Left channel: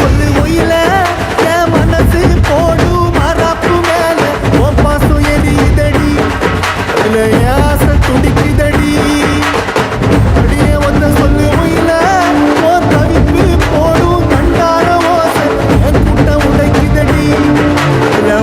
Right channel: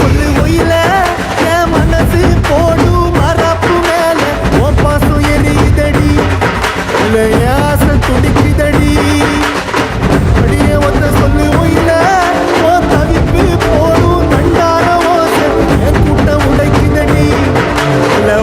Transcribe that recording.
சொல்லு ஒயில என் மனசு போடு மரப்பு மேல உன் பாசம் எரியுதடி அதுல என் ஆசை துடிக்குதடி அடியே ஒத்த சொல்லு ஒயில உன் தவிப்பு போடும் தண்டார ஓசை என் கூட்டம் உடைக்குதடி அதுல